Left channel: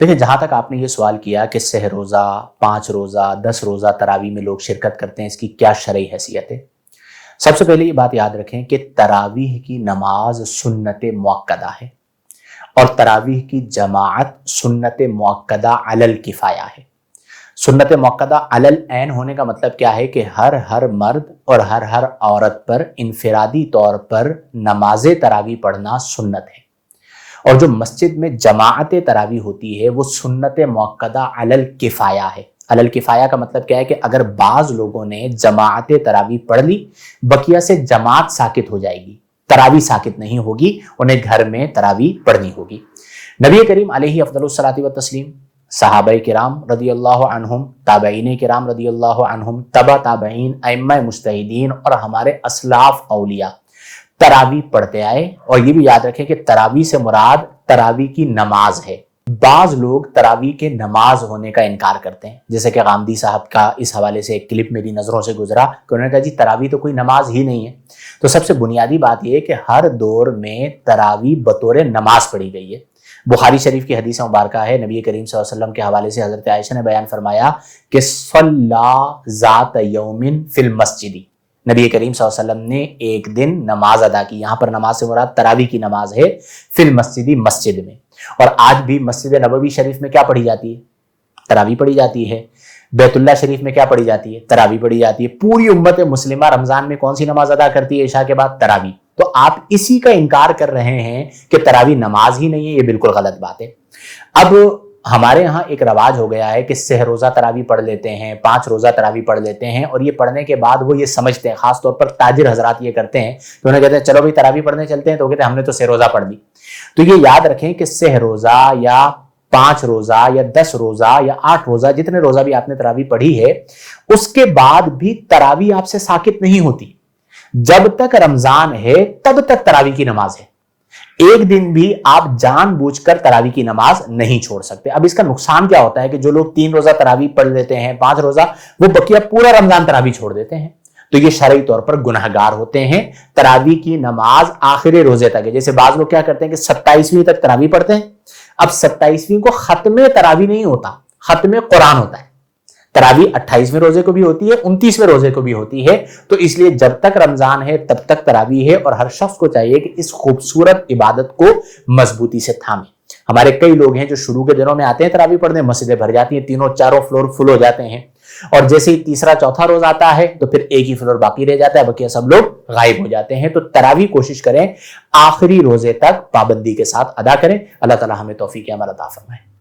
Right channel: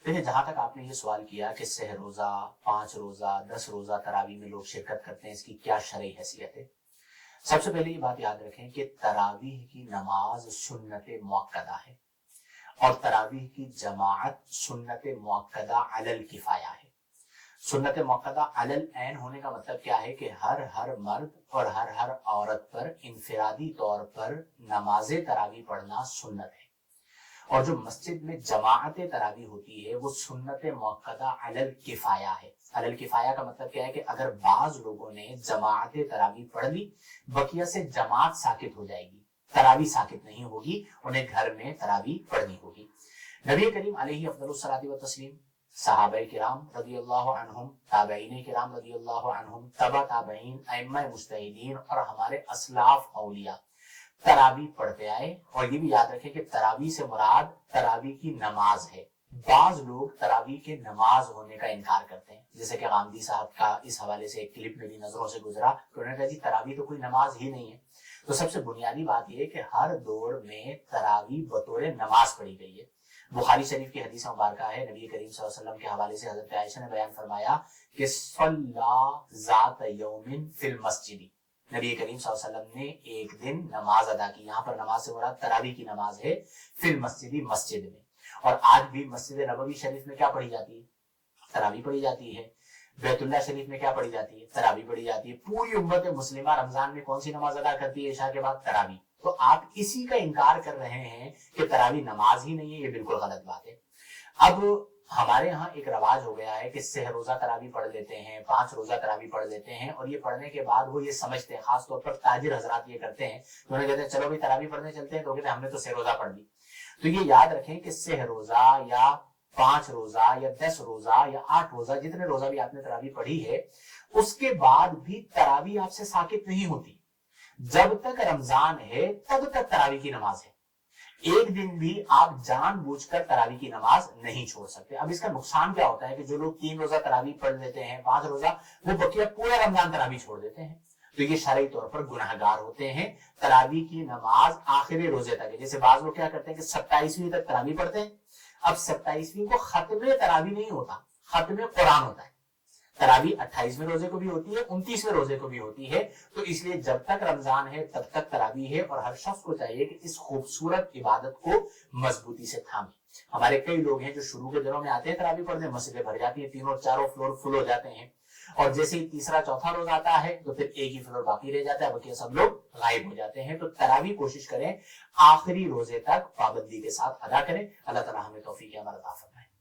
देखिए, जहाँ तक आपने ये सवाल किया कि सह रोज़ा, 5 रोज़ा, 10 रोज़ा तरावी में लोग शिरकत करते हैं, इसकी क्या शरई हैसियत है? सबसे पहले ये बात याद रखें कि तरावीह की नमाज सुन्नत मुअक्कदा है और तरावीह की जमाअत सुन्नत मुअक्कदा अलल किफ़ाया है। सुन्नत मुअक्कदा अलल ऐन होने का मतलब क्या है कि हर मर्द और हर औरत पर इनफिरादी तौर पर नमाज तरावी पढ़ना सुन्नत है। और जो मस्जिद में जमाअत तरावी होती है वो सुन्नत मुअक्कदा अलल किफ़ाया है। अलल किफ़ाया का मतलब क्या है कि अगर बाज लोगों ने जमाअत तरावी पढ़ ली, बकिया से जमात साकित हो जाएगी, तरावी साकित नहीं होगी, उन्हें घर में तरावी पढ़नी होगी। नबी करीम अलैहि अफ़ज़लुस सलाति व तस्लीम, सहाबाए किराम रदियल्लाहु अन्हुम, ताबईन किराम रदियल्लाहु अन्हुम, तबा ताबईन, अइम्मा मुज्तहिदीन और हमारे असलाफ औलिया तरावी पढ़ते आए। और ये भी याद रखें कि तरावी से मुराद तरावी की नमाज है। बाज लोग तरावी के नमाज होने का इनकार करते हैं, जैसे कि गामदी साहब का इस हवाले से एक क्लिप मेरी नजरों से गुजरा कि उन्होंने कहा जी तरावी तो कोई नमाज ही नहीं है। तो सबसे बुनियादी बात यह है कि हर दौर में तरावी बतौर नमाज पढ़ी गई है। बुखारी शरीफ की हदीस मुबारक है, नबी करीम सल्लल्लाहु अलैहि वसल्लम के हवाले से हजरत आयशा ने बयान फरमाया कि सल्ला ज़ात यौमिन फिल मस्जिदी, नबी करीम सल्लल्लाहु अलैहि वसल्लम ने एक दिन नमाज अदा की। यहाँ पर नमाज से मुराद तरावी की नमाज है, फिल मस्जिदी, मस्जिद में। और आज भी मस्जिद नबवी शरीफ में क्या पढ़ी जाती है? तरावी पढ़ी जाती है। बैतुल्ला शरीफ में क्या पढ़ी जाती है? तरावी पढ़ी जाती है। पूरी उम्मत मुस्लिमा रमजान में कौन सी नमाज अदा करती है इशा के बाद? तरावी। तो आप इसी का इनकार कर रहे हैं कि तरावी नमाज ही नहीं है, ये बिल्कुल गलत बात है। अब हमारे यहाँ एक रवाज हो गया है कि सह रोजा तरावी पढ़ लेते हैं, 5 रोजा तरावी पढ़ लेते हैं, और ये पढ़ने के बाद वो ये समझते हैं, खासतौर पर ताजिर हजरात ये करते हैं, तो उन्हें कहते हैं चलो भाई तरावी पढ़ने चलते हैं, तो कहते हैं हमने तो सह रोजा पढ़ ली। तो ये याद रखें कि सह रोजा या 5 रोजा या 10 रोजा या 8 रोजा, जितने रोजा भी आपने तरावी पढ़ी है, उसके बाद भी तरावी आपसे साकित नहीं होती। जब तक रमजान है तब तक तरावी की नमाज है। एक दिन भी आप जानबूझकर तरावी की नमाज नहीं छोड़ सकते। अब इसका नुकसान क्या होता है कि जो लोग 3 रोजा तरावी पढ़ लेते हैं, 5 रोजा, वो बकिया पूरा रमजान तरावी छोड़ देते हैं, तो ये शरई तौर पर गुनहगार होते हैं। तरावी की नमाज आखिरी रोजे तक है। जैसे बाज लोग क्या करते हैं कि 27वीं तक तरावी पढ़ते हैं। अब 27वीं को खत्म तरावी नहीं होता, खत्म कुरान होता है। तरावी 28वें रोजे को भी होती है, 29वें रोजे को भी होती है। तो इसलिए जब तक रमजान है तब तक तरावी है, और हर शख्स को चाहिए कि इस खूबसूरत इबादत को मजबूती से थामे। हमारे कई लोग हैं जो शुरू के दिनों में आते हैं तरावी पढ़ने, मस्जिदें भर जाती हैं, तीनों चारों फ्लोर फुल हो जाते हैं, और जैसे ही तीसरा चौथा रोज आता है तो फिर एक ही फ्लोर बाकी रह जाता है, बाकी सब लोग गायब हो जाते हैं। तो तरावी कोशिश करें आखिरी रोजे तक पाबंदी के साथ अदा करें। अल्लाह ताला हमें तौफीक अमल अता फरमाए।